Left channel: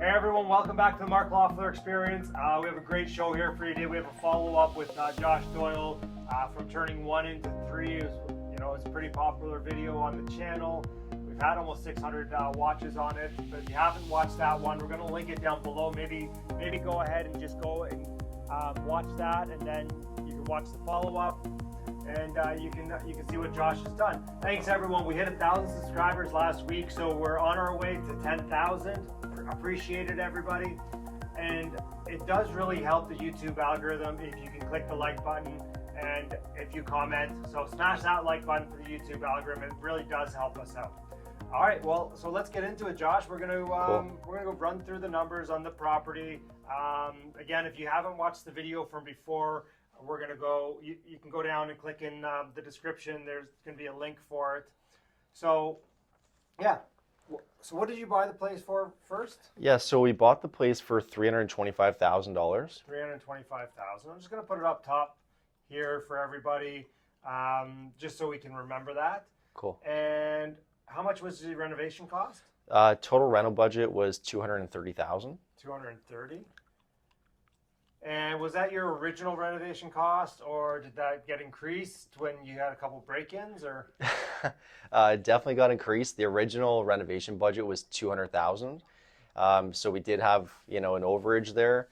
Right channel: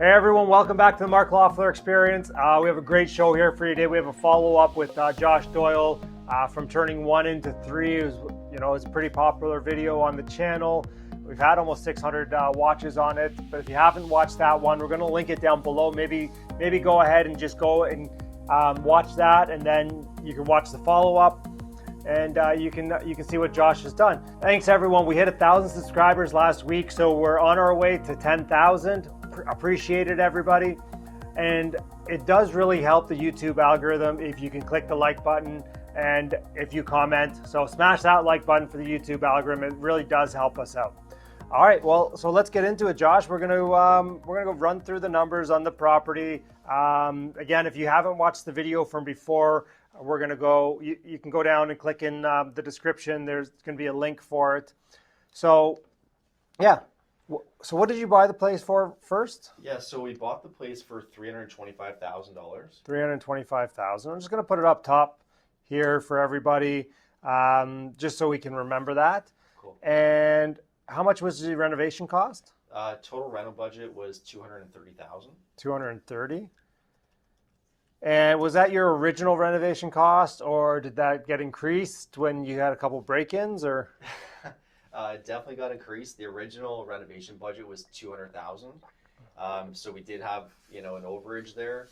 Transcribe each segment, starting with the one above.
Hey everyone, welcome back to the Mark Loeffler Experience. We have a great show here for you today. We have a follow-up with Josh Doyle from turning 1 into 3. It's a pretty popular video on the channel. We've had almost 600 watches on it, but if you haven't watched that one, we're going to link it down below. Maybe go ahead and just go and watch that, and then you can watch the follow-up, and you can see what Josh has done. Thanks everyone. We hit 1,000 subscribers last week, so we're on our way to 10,000. Appreciate it, everybody. And it does really help the YouTube algorithm if you can click the like button and if you comment. So smash that like button for the YouTube algorithm. It really does help us out. All right, well, so let's get into it, Josh. We're gonna go run through the numbers on the property. Again, if you haven't watched the video from before, we're gonna go. You can go down and click in the description. There's gonna be a link for it. So, yeah. So what did you buy the place for first? Yeah, so we bought the place for $325,000. $325,000. I'm just going to put it up top here for everybody, just so we can remember that. Cool. And how much was the renovation cost? Total rental budget was $230,000. $230,000. And was that your original renovation cost, or did that get increased when you had a couple break-ins, or? Definitely got increased. The original renovation budget was $200,000. So we did have, an overage there.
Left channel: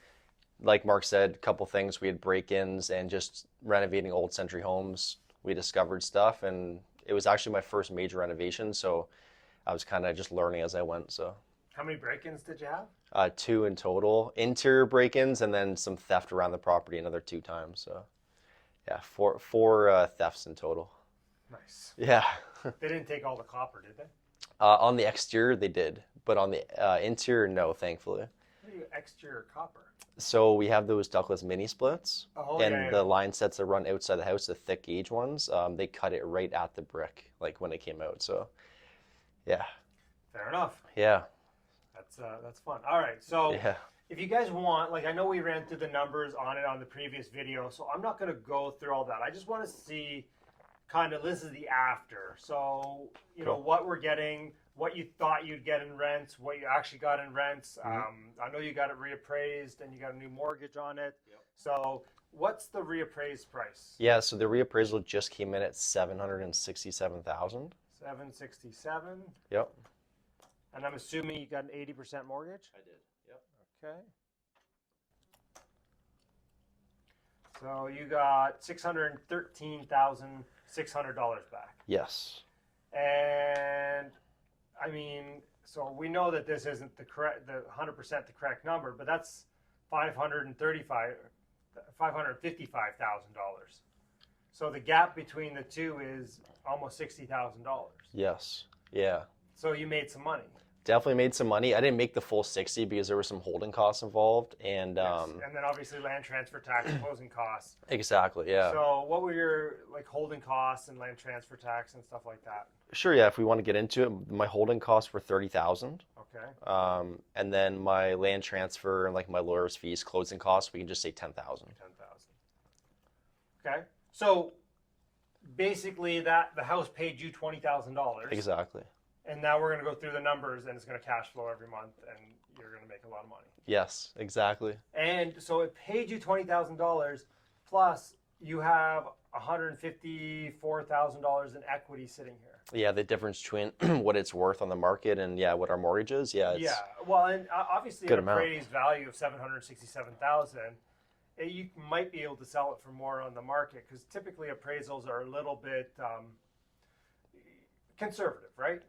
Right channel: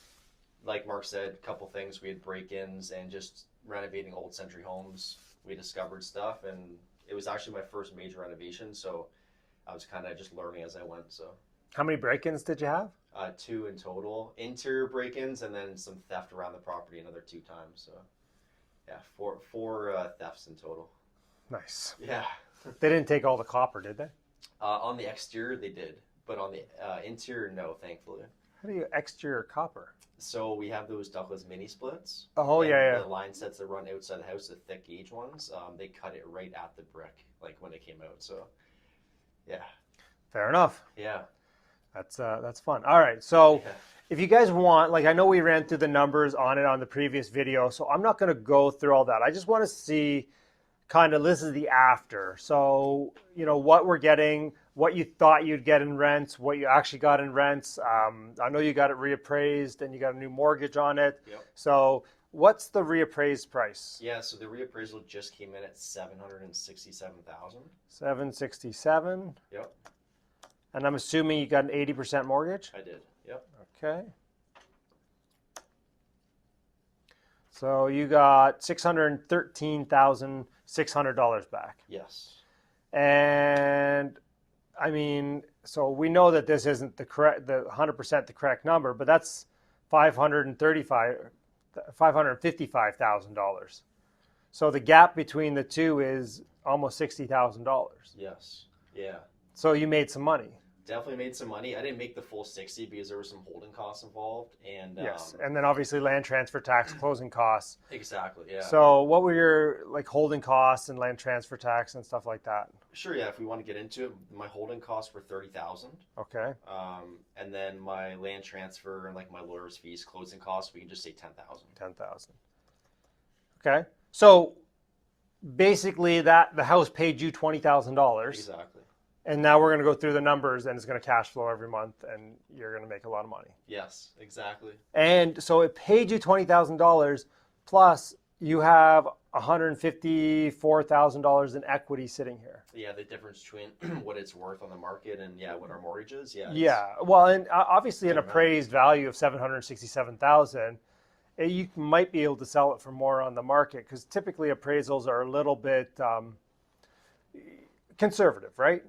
Like Mark said, a couple things. We had break-ins and just renovating old century homes. We discovered stuff, and it was actually my first major renovation. So I was kind of just learning as I went. So how many break-ins did you have? 2 in total. Interior break-ins and then some theft around the property another 2 times. So yeah, four thefts in total. Nice. Yeah. They didn't take all the copper, did they? On the exterior, they did, but on the interior, no, thankfully. How do you exterior copper? So we have those ductless mini splits. Oh, and yeah. The line sets that run outside the house, the thick gauge ones, they cut it right at the brick, like when it came out. So, yeah. Fair enough. Yeah. That's fun. All right, so yeah. If you guys want, I know we ran through the numbers on it on the previous video, so I'm not going to go through all that. I just want to see kind of, this is the after. So, what we're getting, what you thought you'd get in rents, what you actually got in rents. I know you got it reappraised and you got a new mortgage on it. Yep. So what's the reappraised price? Yeah, so the reappraisal just came in at $767,000. 767. Yep. And I'm assuming you got an 80% mortgage? I did, yep. Okay. So you got $613,600 back. Yes. And I mean, so we know that this isn't the 100% the correct number, but that's $555,000. So the gap between the two is almost $60,000. Yes. Yeah. So you made some money. Definitely made some money. I didn't make the full 60 because there were some holding costs involved, and yes. And then obviously land transfer tax, closing costs. Exactly, yeah. So what were your holding costs and land transfer tax and stuff like that? Sure, yeah. If we want to get into it, my holding costs were $30,000. Okay. And then my land transfer and my lawyer's fees, closing costs, we can just say $10,000. $10,000. Okay. So basically, the house paid you $20,000. Exactly. And now we're going to go through the numbers, and it's going to cash flow every month, and you're going to make a lot of money. Yes, exactly. And so it paid you $20,000, plus you have $154,000 in equity sitting here. Yeah, the difference between what it's worth on the market and what our mortgage is. Yeah. Yeah. Well, and obviously an appraised value of $767,000, you might be able to sell it for more on the market, because typically appraisals are a little bit conservative, right?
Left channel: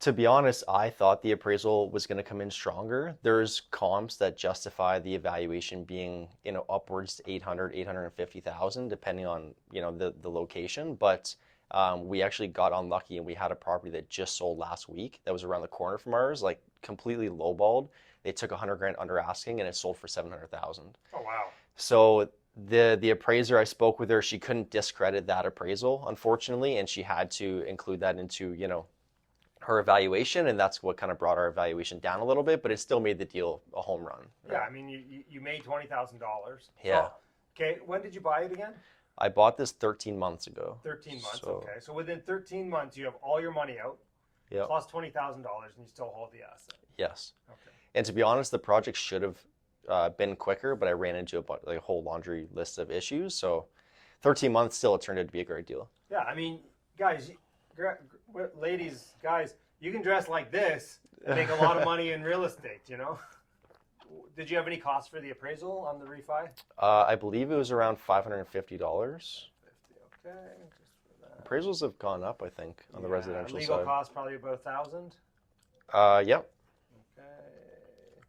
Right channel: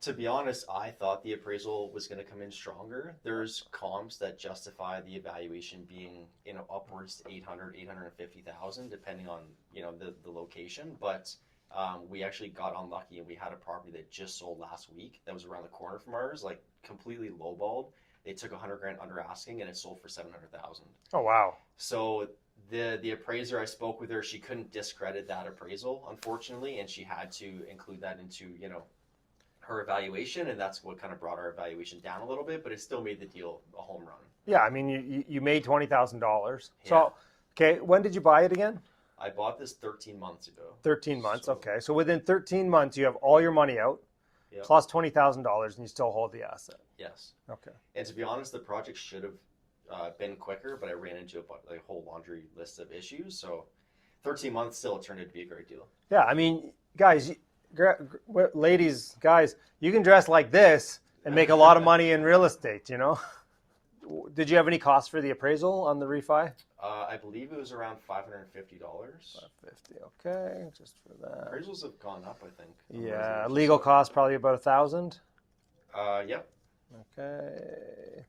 To be honest, I thought the appraisal was going to come in stronger. There's comps that justify the evaluation being, upwards to $850,000, depending on, the location. But we actually got unlucky, and we had a property that just sold last week that was around the corner from ours, completely lowballed. They took $100,000 under asking, and it sold for $700,000. Oh, wow. So the appraiser, I spoke with her, she couldn't discredit that appraisal, unfortunately, and she had to include that into, her evaluation, and that's what kind of brought our evaluation down a little bit, but it still made the deal a home run. Yeah, I mean, you made $20,000. Yeah. So, okay, when did you buy it again? I bought this 13 months ago. 13 months, okay. So within 13 months, you have all your money out. Yep. plus $20,000, and you still hold the asset. Yes. Okay. And to be honest, the project should have been quicker, but I ran into a whole laundry list of issues. So 13 months still, it turned out to be a great deal. Yeah, I mean, guys, ladies, guys, you can dress like this and make a lot of money in real estate, you know? Did you have any costs for the appraisal on the refi? I believe it was around $550. $550, okay, just for that. Appraisals have gone up, I think, on the Yeah, residential legal side. costs probably about $1,000. Yep. Okay.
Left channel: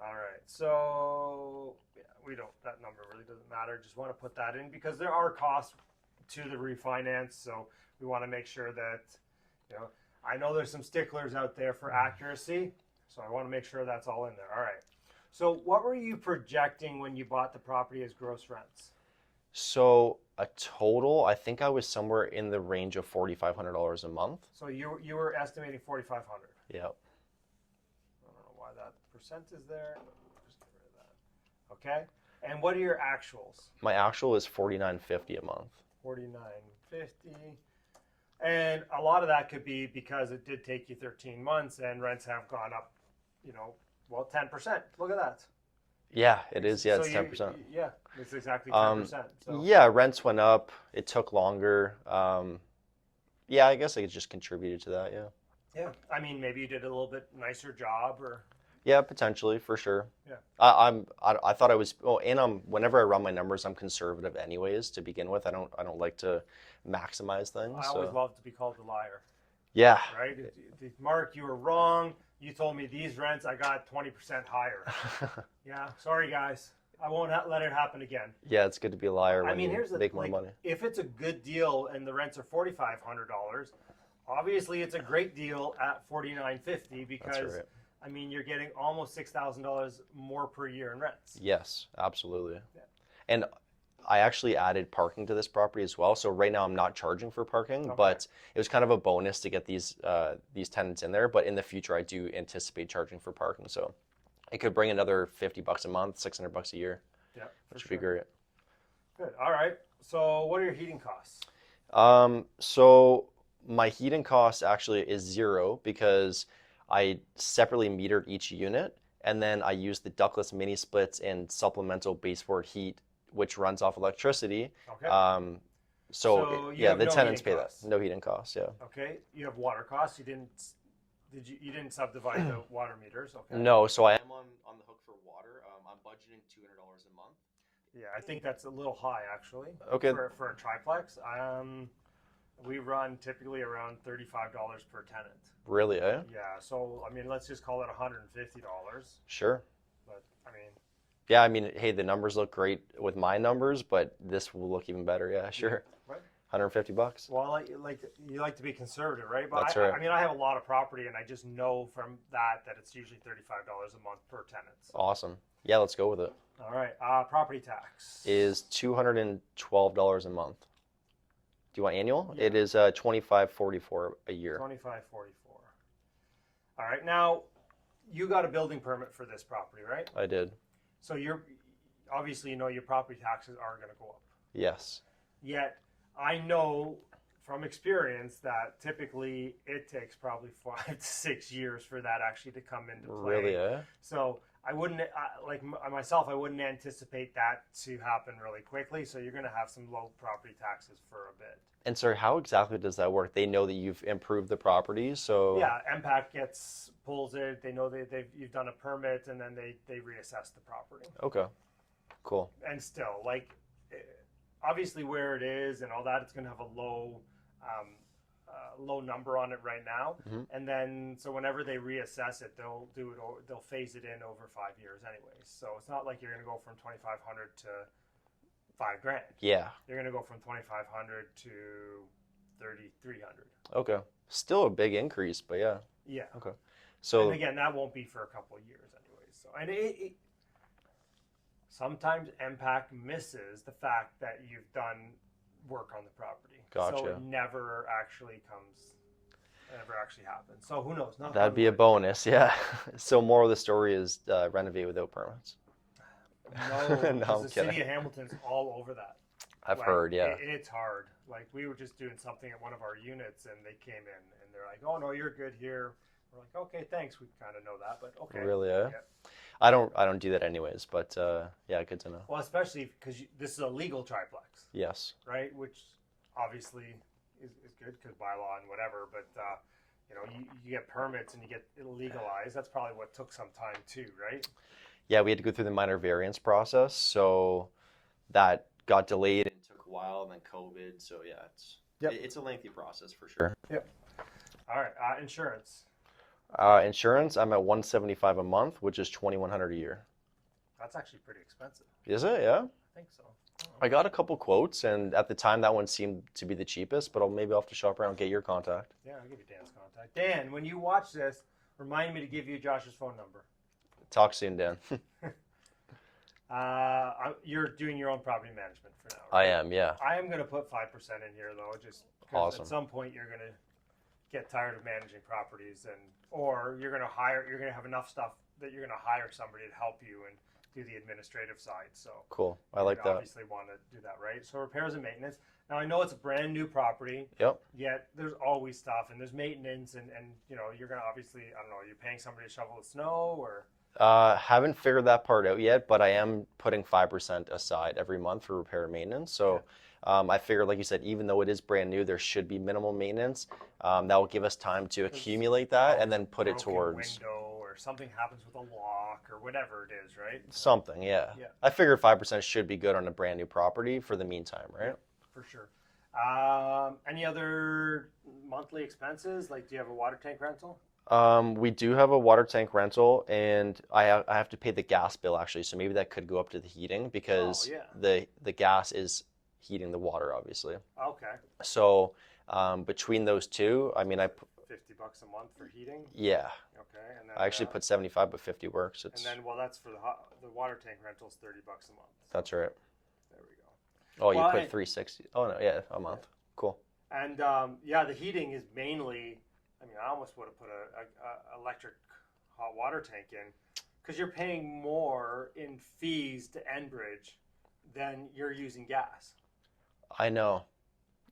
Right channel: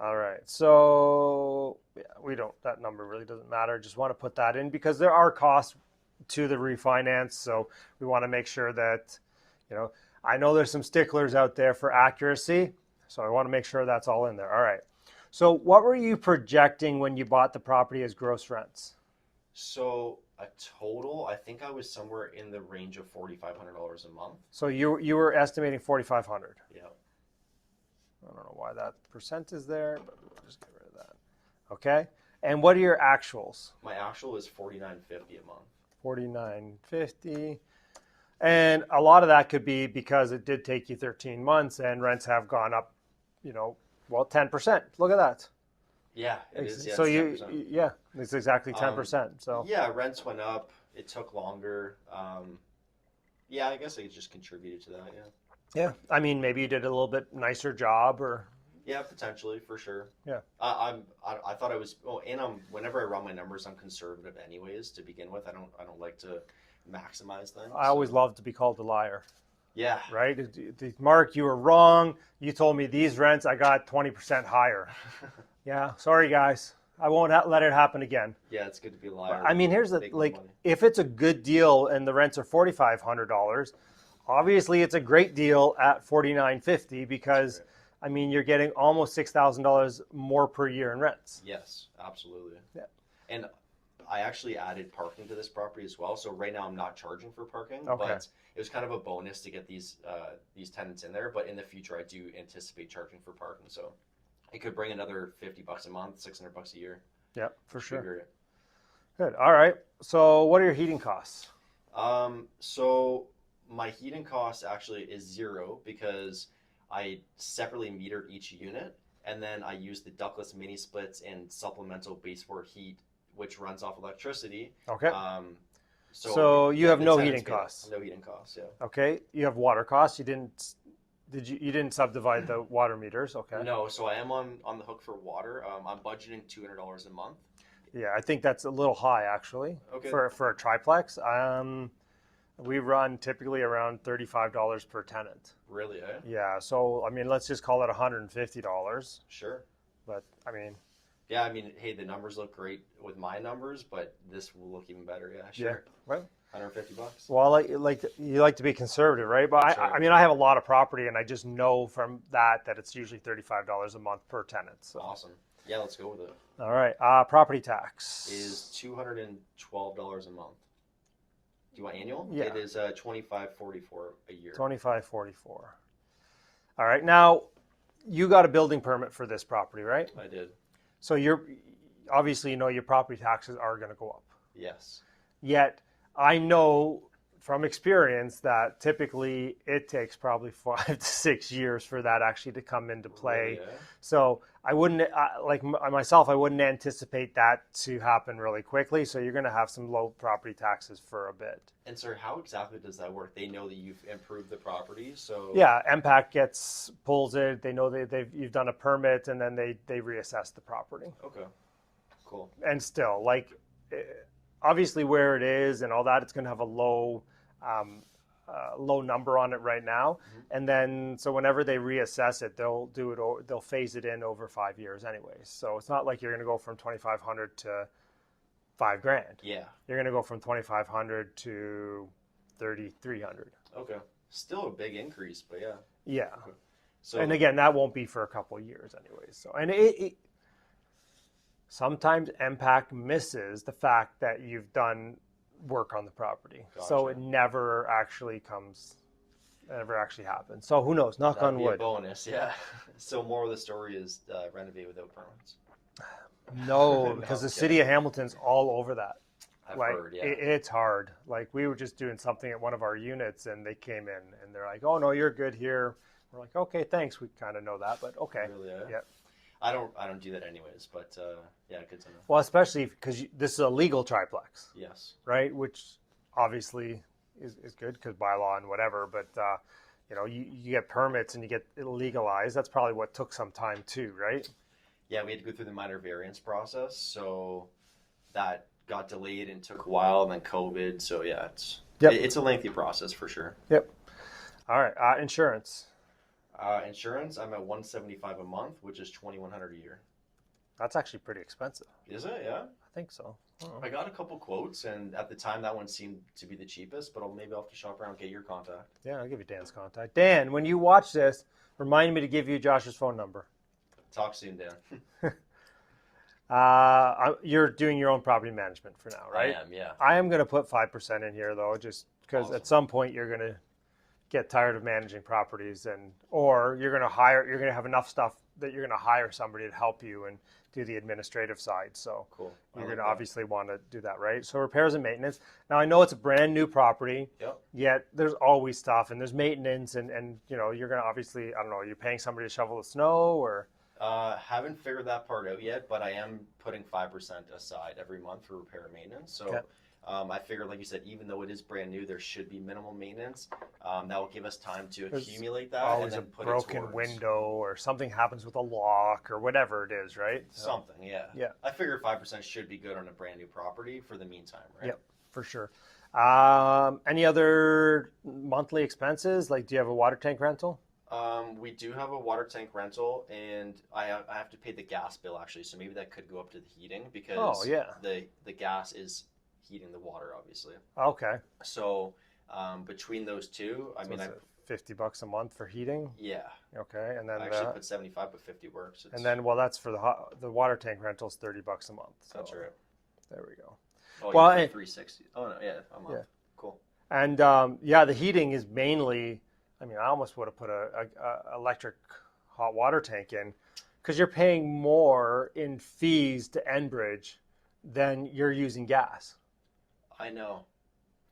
All right. So yeah, that number really doesn't matter. Just want to put that in because there are costs to the refinance. So we want to make sure that, I know there's some sticklers out there for accuracy. So I want to make sure that's all in there. All right. So what were you projecting when you bought the property as gross rents? So a total, I think I was somewhere in the range of $4,500 a month. So you were estimating 4,500. Yep. I don't know why that percent is there, but we'll just get rid of that. Okay. And what are your actuals? My actual is $4,950 a month. $4,950. And a lot of that could be because it did take you 13 months and rents have gone up, 10%. Look at that. Yeah, it is. Yeah, so it's 10%. Yeah, it's exactly 10%. So yeah, rents went up. It took longer. Yeah, I guess it just contributed to that. Yeah. Yeah, I mean, maybe you did a little bit nicer job, or yeah, potentially for sure. Yeah, I thought I was. Well, and whenever I run my numbers, I'm conservative anyways to begin with. I don't like to maximize things. I always love to be called a liar. Yeah. Right, Mark, you were wrong. You told me these rents, I got 20% higher. Yeah, sorry guys, I won't let it happen again. Yeah, it's good to be a liar. I mean, here's the like, if it's a good deal and the rents are $4,500. Obviously, it's a great deal at $4,950 because, right. I mean, you're getting almost $6,000 more per year in rents. Yes, absolutely. Yeah. And I actually added parking to this property as well. So right now I'm not charging for parking, okay. but it was kind of a bonus to get these tenants in there. But in the future, I do anticipate charging for parking. So it could bring another $50 a month, $600 a year. Yeah, for sure. Great. Good. All right. So what are your heating costs? So my heating cost actually is zero because I separately metered each unit, and then I use the ductless mini splits and supplemental baseboard heat, which runs off electricity. Okay. So you have no heating costs. No heating costs. Yeah. Okay. You have water costs. You didn't subdivide the water meters? Okay. No. So I am on the hook for water. I'm budgeting $200 a month. Yeah, I think that's a little high actually. Okay. For a triplex. We run typically around $35 per tenant. Really, eh? Yeah, so, I mean, let's just call it $150. Sure. But, I mean... Yeah, I mean, hey, the numbers look great with my numbers, but this will look even better, yeah, sure. Yeah. Well, $150. Well, you like to be conservative, right? But That's right. I mean, I have a lot of property, and I just know from that it's usually $35 a month per tenant. So. Awesome. Yeah, let's go with it. All right. Property tax. Is $212 a month. Do you want annual? Yeah. It is $25.44 a year. $25.44. All right. Now, you got a building permit for this property, right? I did. So obviously your property taxes are going to go up. Yes. Yet I know from experience that typically it takes probably 5 to 6 years for that actually to come into play. Really, yeah? So I wouldn't, like myself, I wouldn't anticipate that to happen really quickly. So you're going to have some low property taxes for a bit. And sir, how exactly does that work? They know that you've improved the property, so... Yeah, MPAC pulls it. They know you've done a permit, and then they reassess the property. Okay, cool. And still, like, obviously where it is and all that, it's going to have a low number on it right now. Mm-hmm. And then, so whenever they reassess it, they'll phase it in over 5 years anyways. So it's not like you're going to go from 2,500 to $5,000. Yeah. You're going to go from 2,500 to 3,300. Okay. Still a big increase, but yeah. Yeah. Okay. So, and again, that won't be for a couple of years anyways. So, and it sometimes MPAC misses the fact that you've done work on the property. Gotcha. So it never actually happens. So who knows? Knock on wood. That'd be a bonus, yeah. So more of the story is renovate without permits. No, because the city of Hamilton's all over that. I've like, heard, yeah. it's hard. Like we were just doing something at one of our units and they came in and they're like, oh no, you're good here. We're like, okay, thanks. We kind of know that, but okay. Really, yeah. Yeah. I don't do that anyways, but yeah, good to know. Well, especially because this is a legal triplex, Yes. right? Which obviously is good because bylaw and whatever, but you know, you get permits and you get it legalized. That's probably what took some time too, right? Yeah, we had to go through the minor variance process, so that got delayed and took a while, and then COVID. So yeah, it's a lengthy process for sure. Yep. All right. Insurance. Insurance, I'm at 175 a month, which is 2,100 a year. That's actually pretty expensive. Is it? Yeah. I think so. I got a couple quotes, and at the time that one seemed to be the cheapest, but maybe I'll have to shop around and get your contact. Yeah, I'll give you Dan's contact. Dan, when you watch this, remind me to give you Josh's phone number. Talk soon, Dan. You're doing your own property management for now, right? I am, yeah. I am going to put 5% in here, though, just because at some point you're going to get tired of managing properties, or you're going to have enough stuff that you're going to hire somebody to help you and do the administrative side. So cool. I you're like going to that. obviously want to do that, right? So repairs and maintenance. Now I know it's a brand new property. Yep. Yet there's always stuff and there's maintenance and you know, you're going to obviously, I don't know, you're paying somebody to shovel the snow or haven't figured that part out yet, but I am putting 5% aside every month for repair and maintenance. So I figured, like you said, even though it is brand new, there should be minimal maintenance. That will give us time to accumulate that and then put it towards broken window or something happens with a lock or whatever it is, right? Something, yeah. Yeah. I figure 5% should be good on a brand new property for the meantime, right? Yep, for sure. Any other monthly expenses? Like, do you have a water tank rental? We do have a water tank rental, and I have to pay the gas bill actually. So maybe that could go up to the heating because the gas is heating the water, obviously. Okay. So between those two, I mean, $50 a month for heating. Yeah. Okay, and then I actually put 75, but 50 works. And then, well, that's for the water tank rental is $30 a month. So that's right. There we go. Oh, you put 360. Oh no, yeah, a month. Yeah. Cool. And the heating is mainly. I mean, I almost would have put a electric hot water tank in, because you're paying more in fees to Enbridge than you're using gas. I know.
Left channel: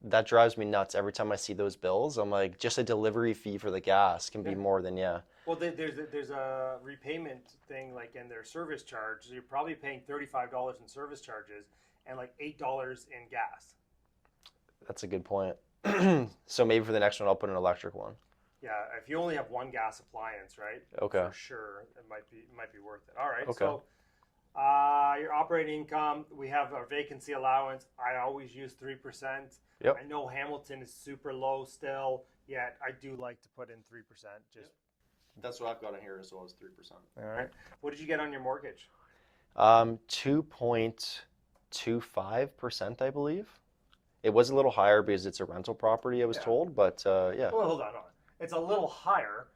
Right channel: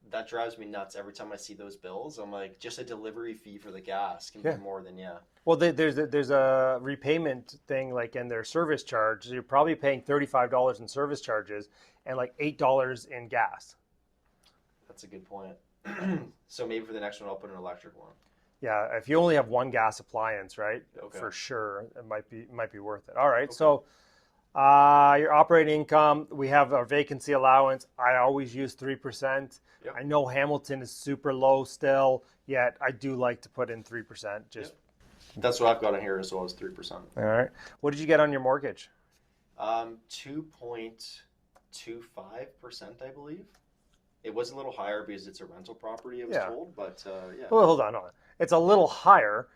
That drives me nuts every time I see those bills. I'm like, just a delivery fee for the gas can be more than Well, there's a repayment thing like in their service charge. You're probably paying $35 in service charges and like $8 in gas. That's a good point. So maybe for the next one, I'll put an electric one. Yeah, if you only have one gas appliance, right? Okay. For sure, it might be worth it. All right. Okay. So, your operating income, we have our vacancy allowance. I always use 3%. Yep. I know Hamilton is super low still, yet I do like to put in 3%. Just that's what I've got in here as well as 3%. All right. What did you get on your mortgage? 2.25%, I believe. It was a little higher because it's a rental property, I was told, but yeah. Well, hold on. It's a little higher.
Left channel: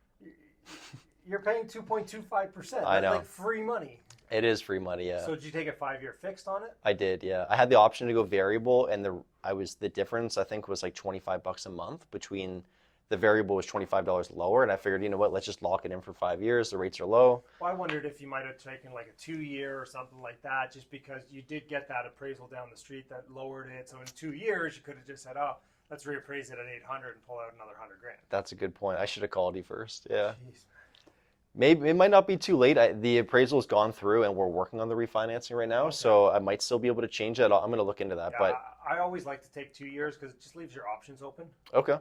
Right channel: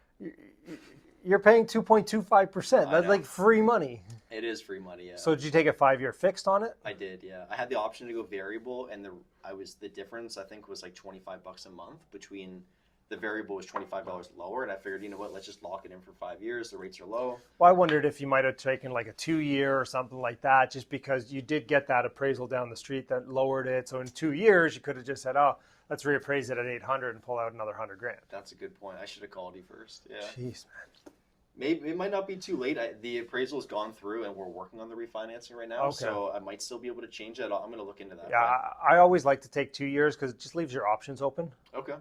You're paying 2.25%. That's like free money. It is free money, yeah. So did you take a 5-year fixed on it? I did, yeah. I had the option to go variable, and the difference I think was like $25 a month between. The variable was $25 lower, and I figured, you know what, let's just lock it in for 5 years. The rates are low. Well, I wondered if you might have taken like a 2-year or something like that, just because you did get that appraisal down the street that lowered it. So in 2 years, you could have just said, oh, let's reappraise it at 800 and pull out another $100,000. That's a good point. I should have called you first. Yeah. Jeez, man. Maybe it might not be too late. The appraisal has gone through, and we're working on the refinancing right now. Okay. So I might still be able to change it. I'm going to look into that. Yeah, but I always like to take 2 years because it just leaves your options open. Okay.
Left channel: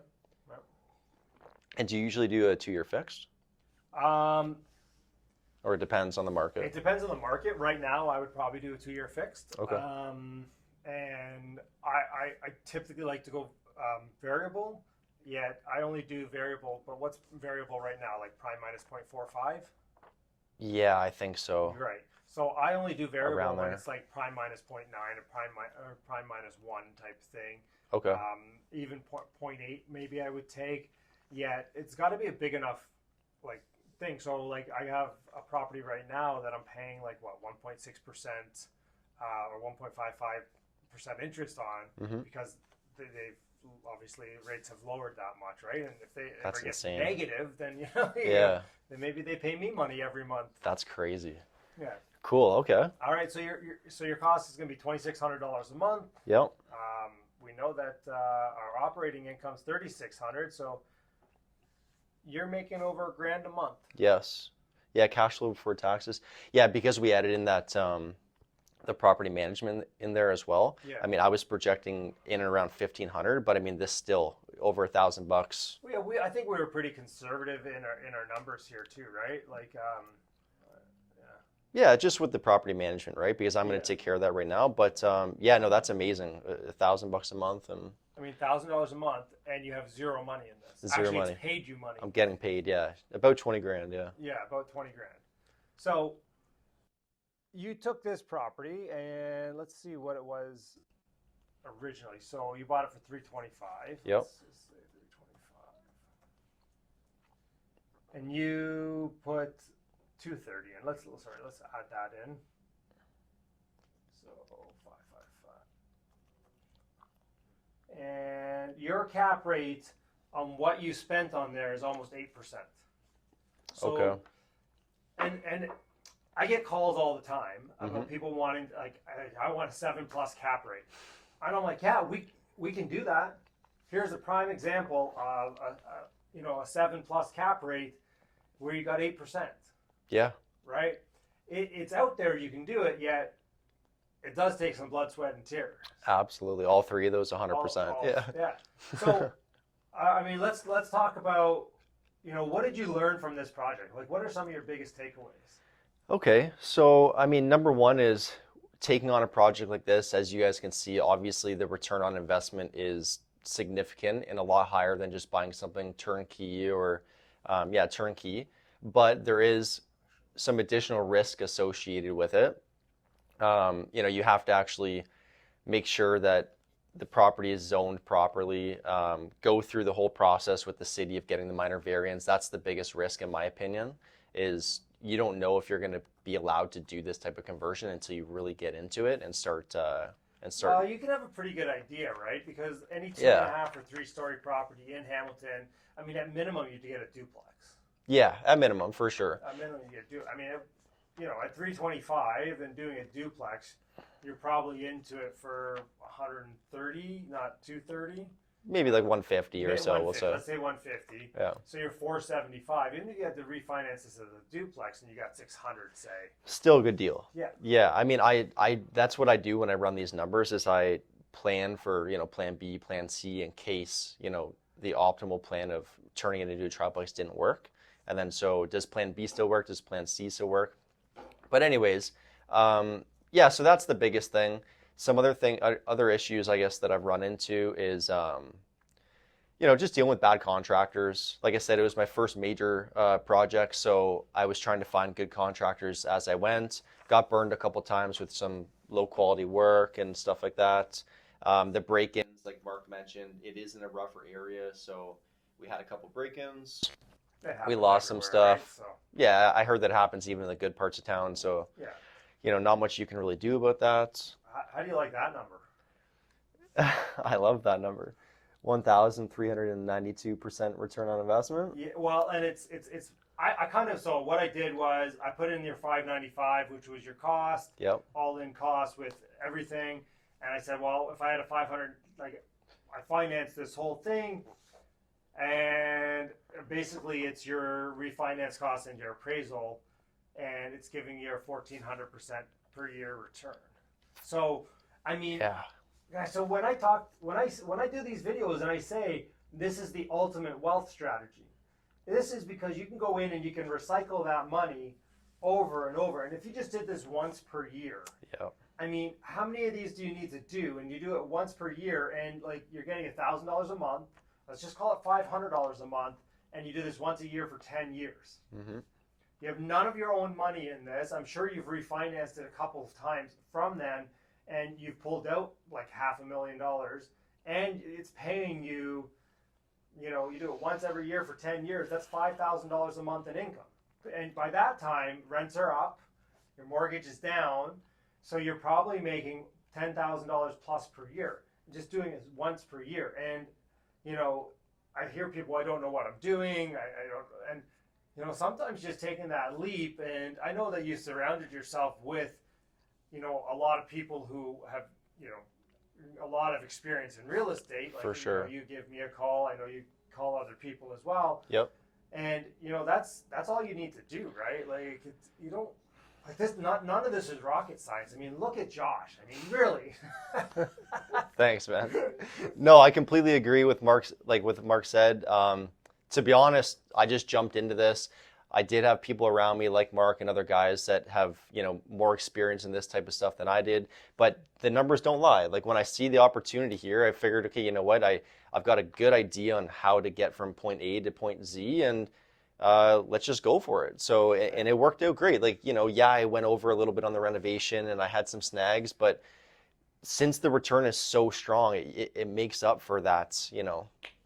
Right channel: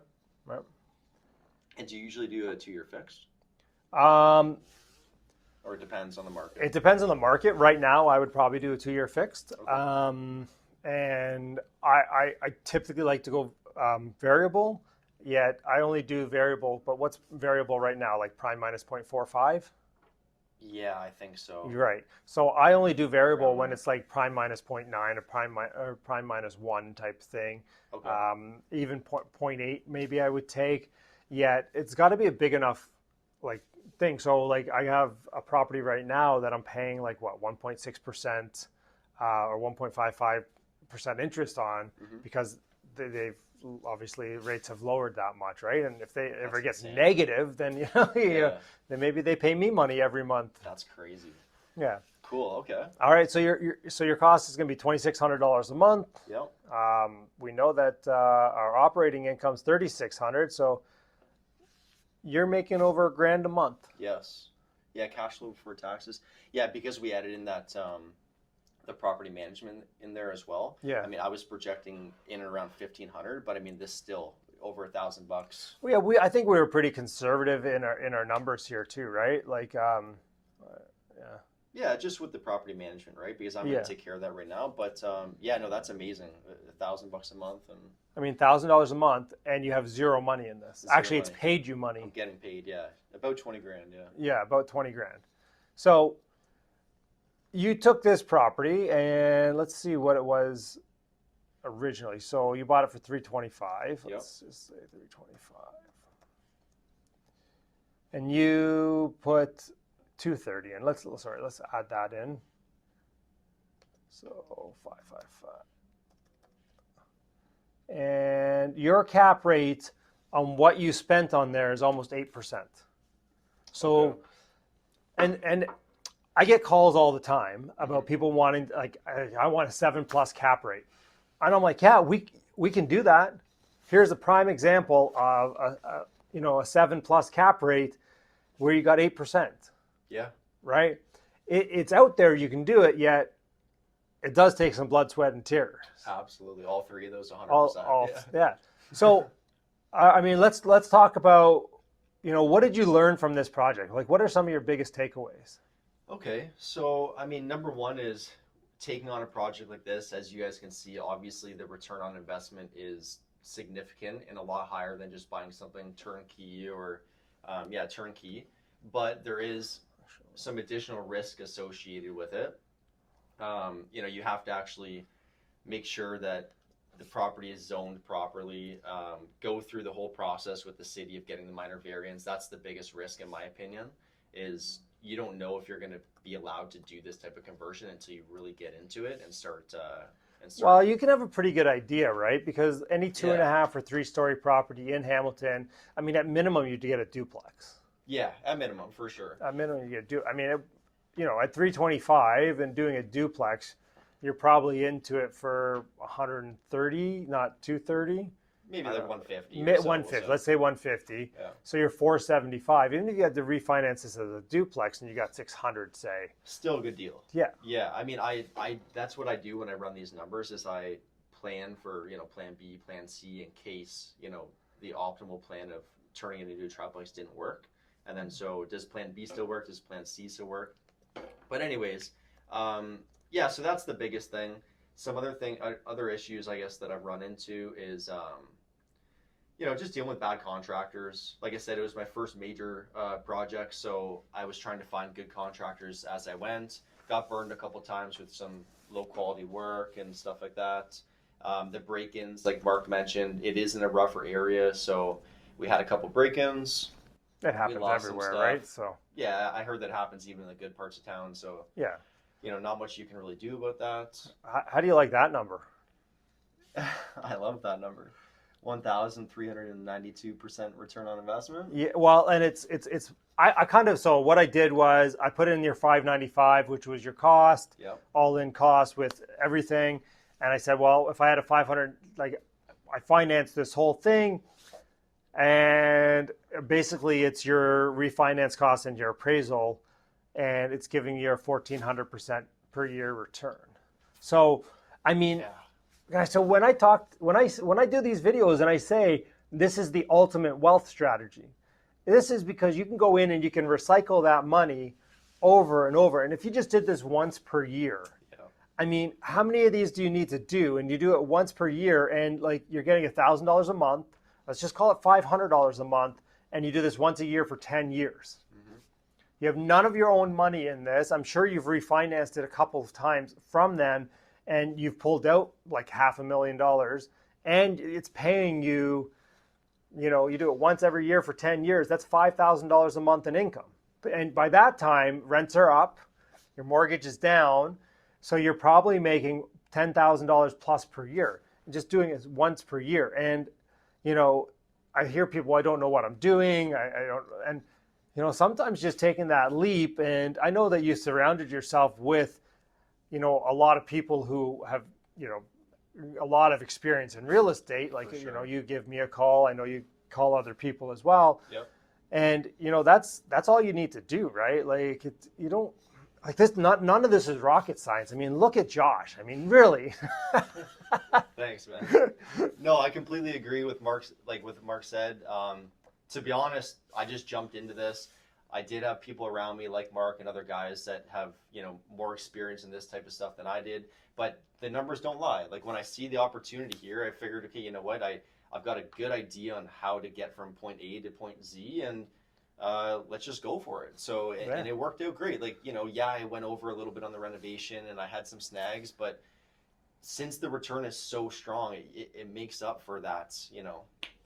Right. And do you usually do a 2-year fixed? Or it depends on the market? It depends on the market. Right now, I would probably do a 2-year fixed. Okay. And I typically like to go variable, yet I only do variable. But what's variable right now? Like prime minus 0.45? Yeah, I think so. You're right. So I only do variable when it's like prime minus 0.9 or prime minus 1 type thing. Okay. Even 0.8 maybe I would take. Yet it's got to be a big enough like thing. So like I have a property right now that I'm paying like what 1.6% or 1.55% interest on because they've obviously rates have lowered that much, right? And if they ever get negative, then then maybe they pay me money every month. That's crazy. Yeah. Cool. Okay. All right. So your cost is going to be $2,600 a month. Yep. We know that our operating income is 3,600. So you're making over $1,000 a month. Yes. Yeah. Cash flow before taxes. Yeah, because we added in that the property management in there as well. Yeah. I mean, I was projecting in and around 1,500, but I mean, this still over $1,000. Well, yeah, I think we were pretty conservative in our numbers here too, right? Like, yeah. Yeah, just with the property management, right? Because I'm going Yeah. to take care of that right now. But yeah, no, that's amazing. $1,000 a month, and I mean, $1,000 a month, and you have zero money in this. Zero Actually, money. it's paid you money. I'm getting paid. Yeah, about 20 grand. Yeah. Yeah, about 20 grand. So you took this property, and let's see what it was originally. So you bought it for 325. Yep. Let's just say 325. And you put 230 in. Let's add that in. So 555. And your cap rate on what you spent on there is almost 8%. So Okay. and I get calls all the time about people wanting, like, I want a 7+ cap rate. And I'm like, yeah, we can do that. Here's a prime example of a 7+ cap rate where you got 8%, Yeah. right? It's out there, you can do it, yet it does take some blood, sweat, and tears. Absolutely. All three of those 100%. Yeah. So, I mean, let's talk about, what did you learn from this project? Like, what are some of your biggest takeaways? Okay. So, I mean, number one is taking on a project like this. As you guys can see, obviously the return on investment is significant and a lot higher than just buying something turnkey or, turnkey. But there is some additional risk associated with it. You have to actually make sure that the property is zoned properly, go through the whole process with the city of getting the minor variance. That's the biggest risk, in my opinion, is you don't know if you're going to be allowed to do this type of conversion until you really get into it and start. Well, you can have a pretty good idea, right? Because any 2.5 or 3-story property in Hamilton, I mean, at minimum, you'd get a duplex. Yeah, at minimum, for sure. At minimum, you get I mean, at 325 and doing a duplex, you're probably into it for 130, not 230. Maybe like 150 or so. 150. Let's say 150. Yeah. So you're 475. Even if you had to refinance this as a duplex and you got 600, say. Still a good deal. Yeah. Yeah. I mean, I that's what I do when I run these numbers is I plan for, plan B, plan C in case, the optimal plan of turning it into a triplex didn't work. And then so does plan B still work? Does plan C still work? But anyways, so that's the biggest thing. Some other issues, I guess, that I've run into is, just dealing with bad contractors. Like I said, it was my first major project, so I was trying to find good contractors as I went. Got burned a couple times with some low quality work and stuff like that. The break-ins, like Mark mentioned, it is in a rougher area, so we had a couple break-ins. We lost some stuff. Right? So. Yeah, I heard that happens even in the good parts of town, so. Yeah. Not much you can really do about that. How do you like that number? I love that number. 1,392% return on investment. Yeah, well, and I kind of, so what I did was I put in your 595, which was your cost, all in cost with everything. And I said, well, if I had a 500, like I financed this whole thing, and basically it's your refinance cost and your appraisal, and it's giving you a 1,400% per year return. So, I mean, guys, so when I do these videos and I say this is the ultimate wealth strategy, this is because you can go in and you can recycle that money over and over. And if you just did this once per year, I mean, how many of these do you need to do? And you do it once per year, and like you're getting $1,000 a month. Let's just call it $500 a month, and you do this once a year for 10 years. Mm-hmm. You have none of your own money in this. I'm sure you've refinanced it a couple of times from them, and you've pulled out like $500,000, and it's paying you, you do it once every year for 10 years. That's $5,000 a month in income. And by that time, rents are up, your mortgage is down, so you're probably making $10,000 plus per year. Just doing it once per year. And, I hear people, I don't know what I'm doing. I don't, and sometimes just taking that leap, and I know that you surrounded yourself with, a lot of people who have, a lot of experience in real estate. Like, For sure. you give me a call. I know you call other people as well. Yep. And, that's all you need to do, right? Like, you don't, like this, none of this is rocket science. I mean, look at Josh. I mean, really. Thanks, man. No, I completely agree with Mark's, like what Mark said. To be honest, I just jumped into this. I did have people around me like Mark and other guys that have, more experience in this type of stuff than I did, but the numbers don't lie. Like when I see the opportunity here, I figured, okay, you know what? I've got a good idea on how to get from point A to point Z, and let's just go for it. So, and it worked out great. Like, I went over a little bit on the renovation and I had some snags, but since the return is so strong, it makes up for that,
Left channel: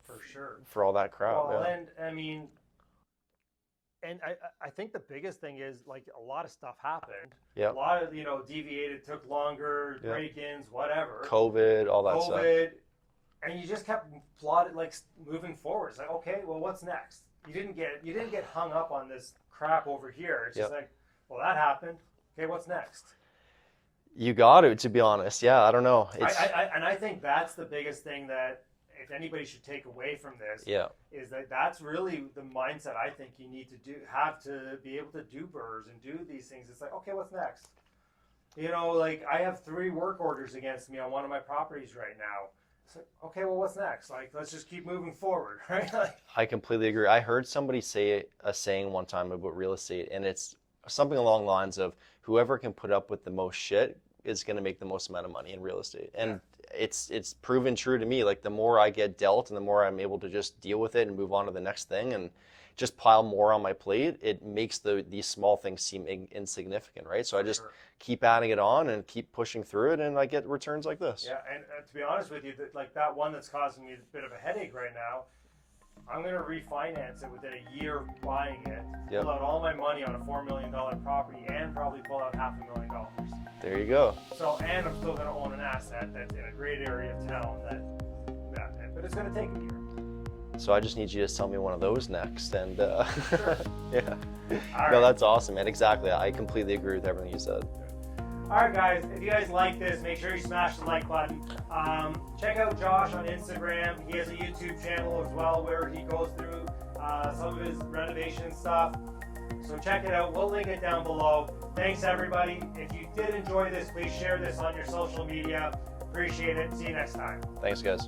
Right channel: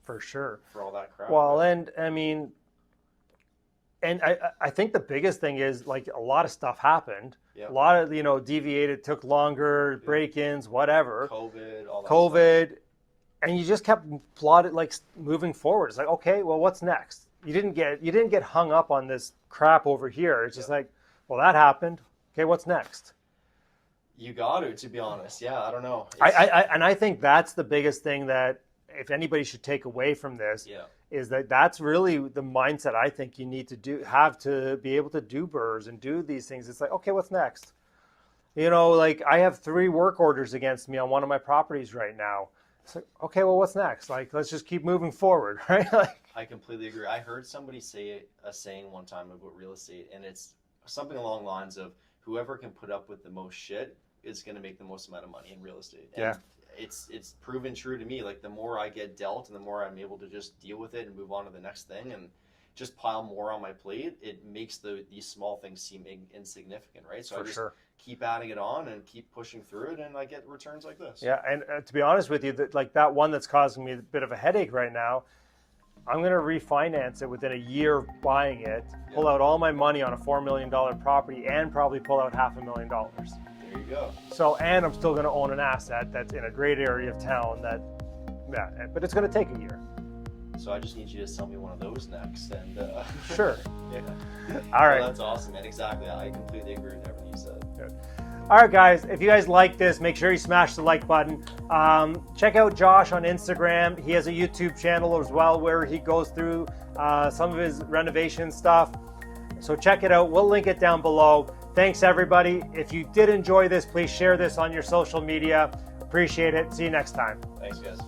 For sure. for all that crap. Well, yeah. and I mean, and I think the biggest thing is, like, a lot of stuff happened. Yeah. A lot of, deviated, took longer, break-ins, whatever. COVID, all that stuff. And you just kept plotted, like, moving forward. It's like, okay, well, what's next? You didn't get hung up on this crap over here. It's just like, well, that happened. Okay, what's next? You got to be honest. Yeah, I don't know. I think that's the biggest thing that, if anybody should take away from this, is that's really the mindset I think you need to have to be able to do burrs and do these things. It's like, okay, what's next? Like, I have 3 work orders against me on one of my properties right now. It's like, okay, well, what's next? Like, let's just keep moving forward, right? Like, I completely agree. I heard somebody say a saying one time about real estate, and it's something along the lines of, whoever can put up with the most shit is going to make the most amount of money in real estate. And it's proven true to me. Like, the more I get dealt and the more I'm able to just deal with it and move on to the next thing and just pile more on my plate, it makes these small things seem insignificant, right? So I just keep adding it on and keep pushing through it, and I get returns like this. Yeah, and to be honest with you, that one that's causing me a bit of a headache right now, I'm going to refinance it within a year of buying it, pull out all my money on a $4 million property, and probably pull out $500,000. There you go. So, and I'm still going to own an asset that's in a great area of town but it's going to take a year. So I just need you to sell me one of those next, and Sure. Yeah. All right. No, that's awesome, man. Exactly. I completely agree with everything you said. Good. All right, guys, if you guys like this, make sure you smash the like button. Check out Josh on Instagram. He has a YouTube channel as well where he goes through some of his renovation stuff. So check it out. We'll link it down below. Thanks, everybody. If you did enjoy this, please share this on your social media. Appreciate it. See you next time. Thanks, guys.